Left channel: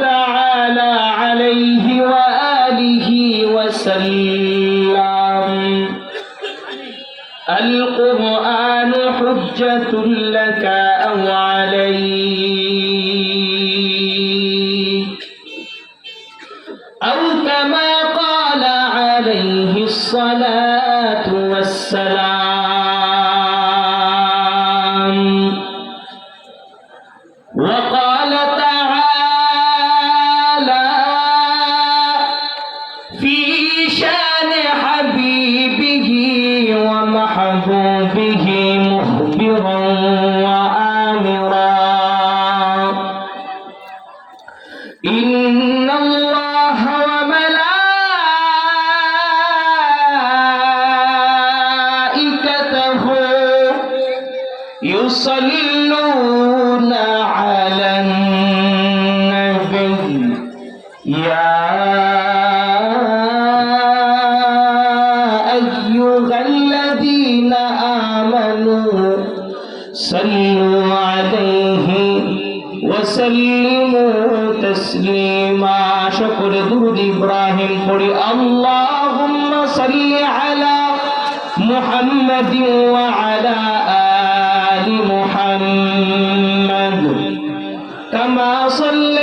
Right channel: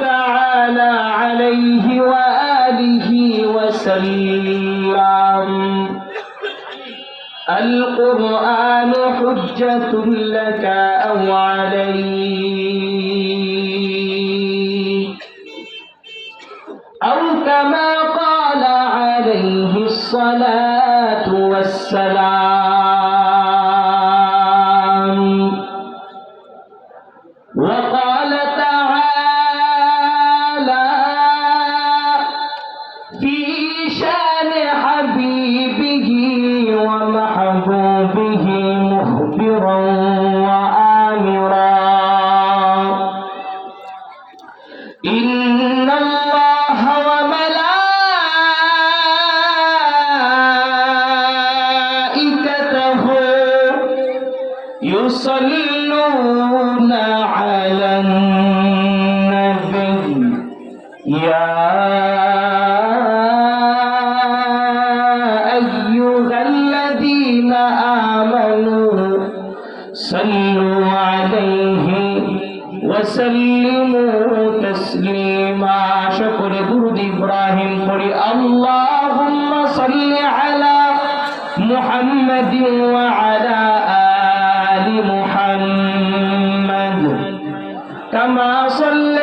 تعالى عليه وآله وسلم. القرآن حجة لك أو عليك. ومحبوبه مخبرا وآمرا. إن الله وملائكته يصلون على وسلموا تسليما شكر درود إبراهيم قل اللهم صل على محمد وعلى آل محمد كما صليت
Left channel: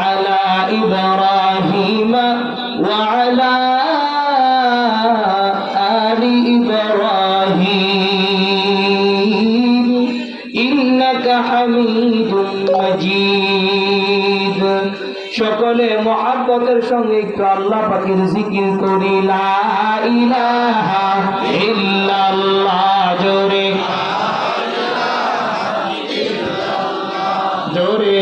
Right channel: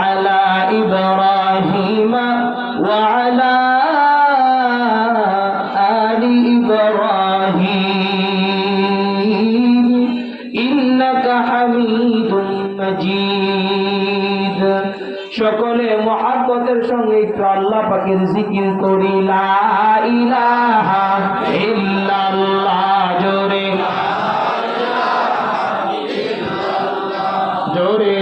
মহাব্বতের সঙ্গে একটু আল্লাহ পাকের জিকির করি জোরে। জোরে।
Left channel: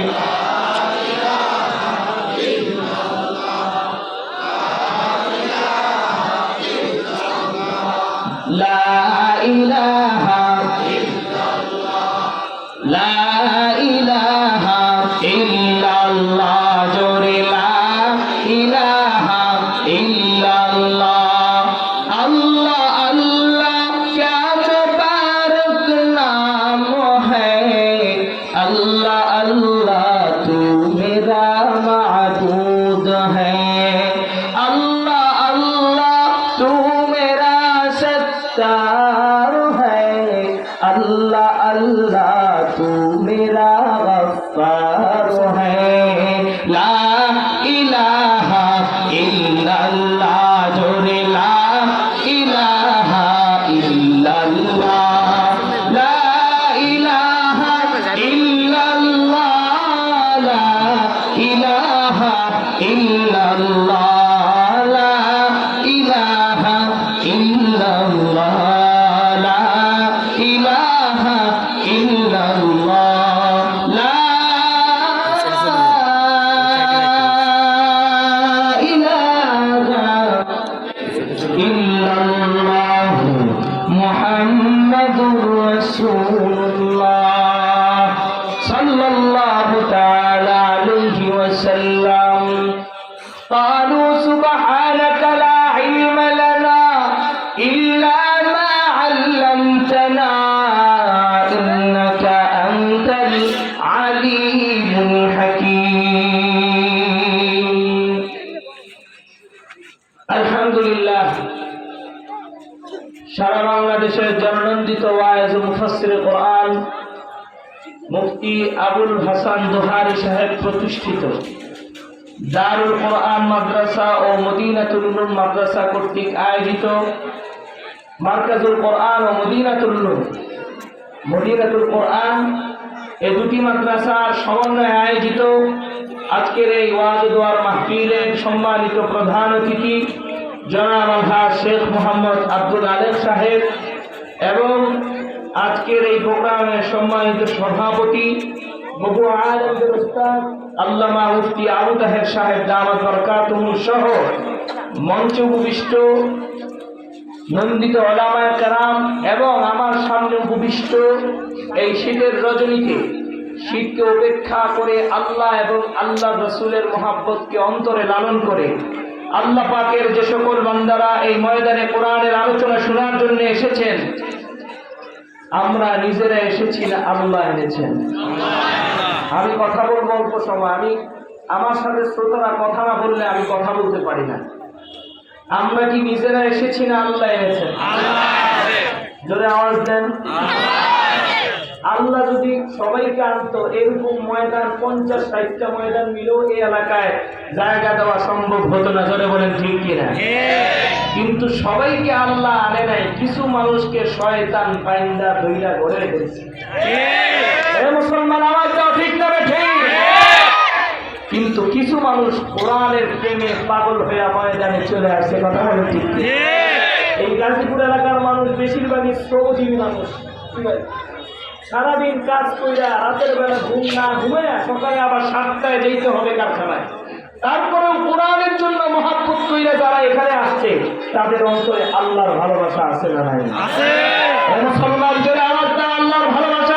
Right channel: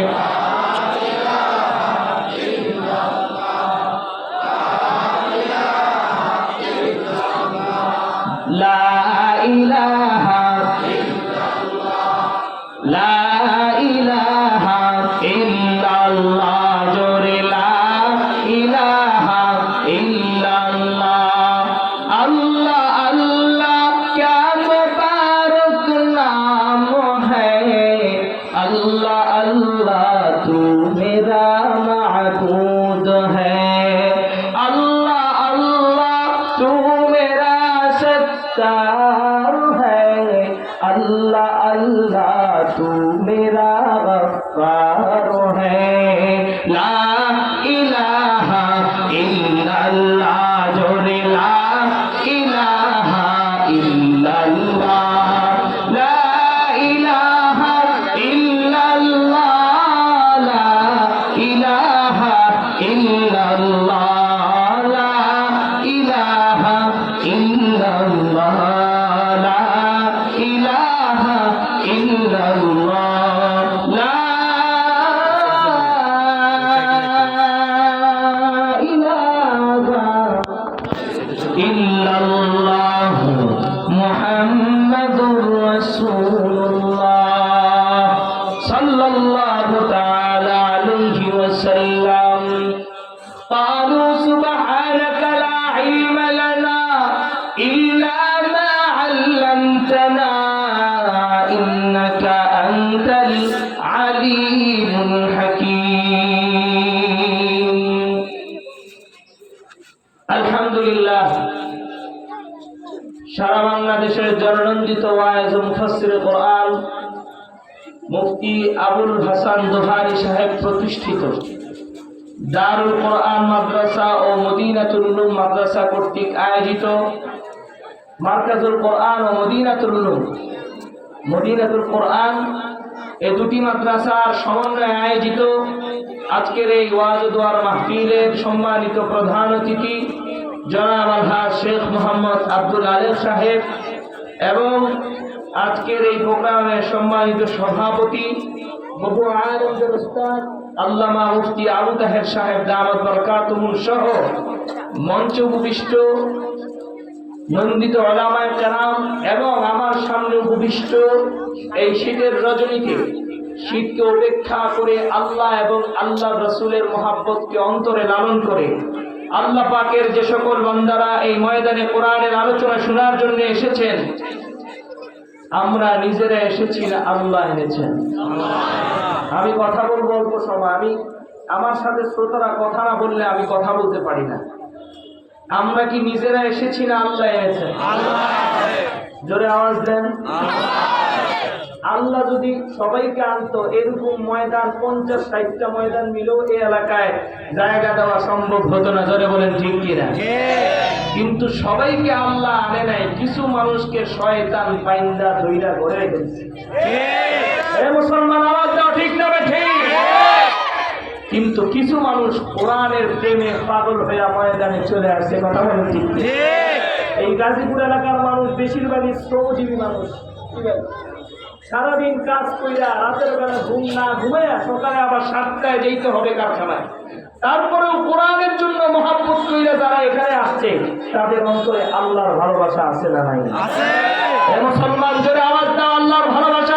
अल्लाह अल्लाह तू मेरा माबूद है अल्लाह अल्लाह तू मेरा सत्तार है अल्लाह अल्लाह in العليم الحكيم আলহামদুলিল্লাহ সারা বাংলাদেশের জননন্দিত ওয়াইজ ও মুফাসসির কোরআন মুফতি আবুল হাসান জোহারি সাহেব প্রতিষ্ঠিত দারুল কোরআন মাদ্রাসা ও মদিনাতুল উলুম মাদ্রাসা কর্তৃক আয়োজিত মার্কাজুল কোরআন ও মদিনাতুল উলুম মদিনাতুল কোরআন এই দুটি মাদ্রাসার সমন্বয়ে আয়োজিত আজকের এই ওয়াজ দোয়ার মাহফিলের সম্মানিত প্রধান অতিথি জনাব শেখ মোহাম্মদ আব্দুল আলেম সাহেব এবং আজকের এই প্রোগ্রামের সম্মানিত সভাপতি বহু আনন্দের উস্তাদ, আল্লামা মুফতি আবু তাহের সাহেব দামত বরকাতুহুর সহ মঞ্চে উপবিষ্ট নন্দিত ওলামায় কারাম এবং আমার সামনে উপবিষ্ট এই শীতের রজনীতে শীতকে উপেক্ষা করে আল্লাহ এবং আল্লাহ রসুলের মহাব্বতকে অন্তরে লালন করে, আল্লাহ পাকের যে সকল বান্দারা এই ময়দানে কোরআনের আলোচনা শোনার জন্য এসেছেন, আমরা নিজেরা এসেছি না আল্লাহ এনেছেন। আমি কথা বলব অল্প সময়, আমি আমার সাথে শ্রোতারা কথা না বললে আমি কথা বলতে পারি না। আমরা কি নিজেরা এসেছি না আল্লাহ এনেছেন জোরে আওয়াজ দেন। আল্লাহ। যদি সবাইকে আনতো এরকম ময়দান পঞ্চাশ ষাটটা ময়দান মিলেও এই এলাকায় জায়গা দেওয়া সম্ভব হতো না। জোরে বলেন ঠিক কিনা? কিন্তু সবাইকে আল্লাহ আনে নাই কিছু মানুষকে শয়তান পাইন্দা ধইরা ঘরে রেখেছে। কিন্তু কিছু মানুষ কোরআনের প্রেমে পাগল হইয়া ময়দানে চলে আসছে কথা বলে ঠিক এই গাজীপুর এলাকার মানুষ বেশিরভাগই শ্রমজীবী মানুষ ঠিক আছে? সারাদিন কাজ কইরা রাতের বেলা ঘুম না ঘুমে সকালে আবার সাতটায় যেতে হবে কারখানায়। তারপরেও কোরআনের জন্য মহাব্বত কইরা যারা এখানে আসছে তাদের অন্তরে আল্লাহর ভালোবাসা আছে না নাই? মুসলমান জোরে আওয়াজ আল্লাহর ভালোবাসা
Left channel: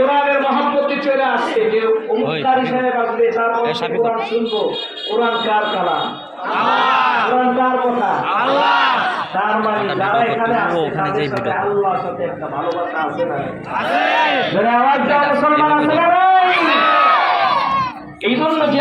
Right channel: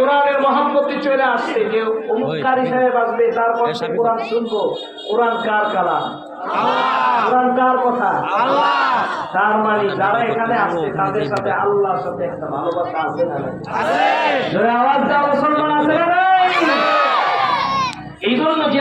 কোরআনের মহাব্বতি চলে আসছে। যে অমুকারী সাহেব আসবে তারপর কোরআন শুনব। কোরআন কার কালাম? কোরআন কার কথা? তার মানে যারা এখানে আসছে তাদের সাথে আল্লাহর সাথে একটা ভালোবাসা আছে না নাই? জোরে আওয়াজ দাও মুসলমান আছে না এই জন্য